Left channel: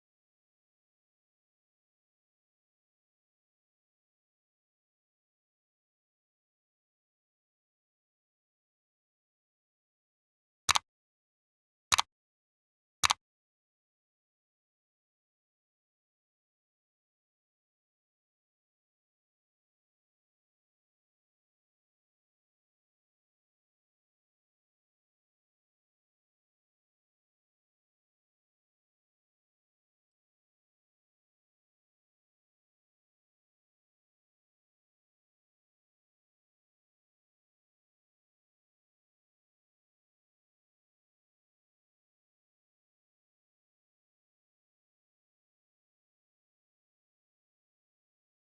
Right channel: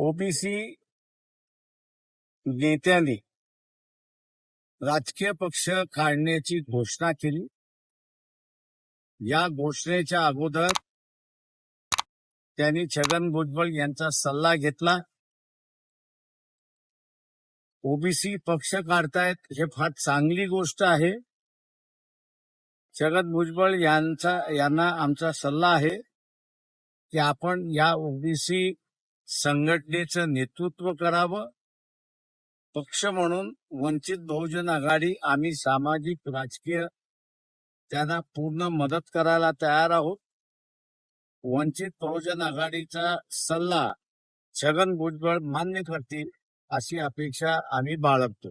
OBC नेत्यांनी राजकीय पक्ष काढण्याची घोषणा केली. या घोषणेच्या अगोदर त्यांनी छगन भुजबळ यांचा सल्ला घेतला. ओबीसी पक्ष काढतायत हे फार चांगली गोष्ट आहे. छगन भुजबळ यांचा यांना आमचा सल्ला आहे की आपण या ओबीसी संघटनेचं नेतृत्व करावं. पक्ष म्हणून वंचित बहुजन आघाडी आम्ही सामाजिक राजकीय त्यांना पूर्ण मदत करायला तयार आहोत. वंचित बहुजन आघाडीचा सल्ला छगन भुजबळ मान्य करतील अशी अपेक्षा आम्ही बाळगतो.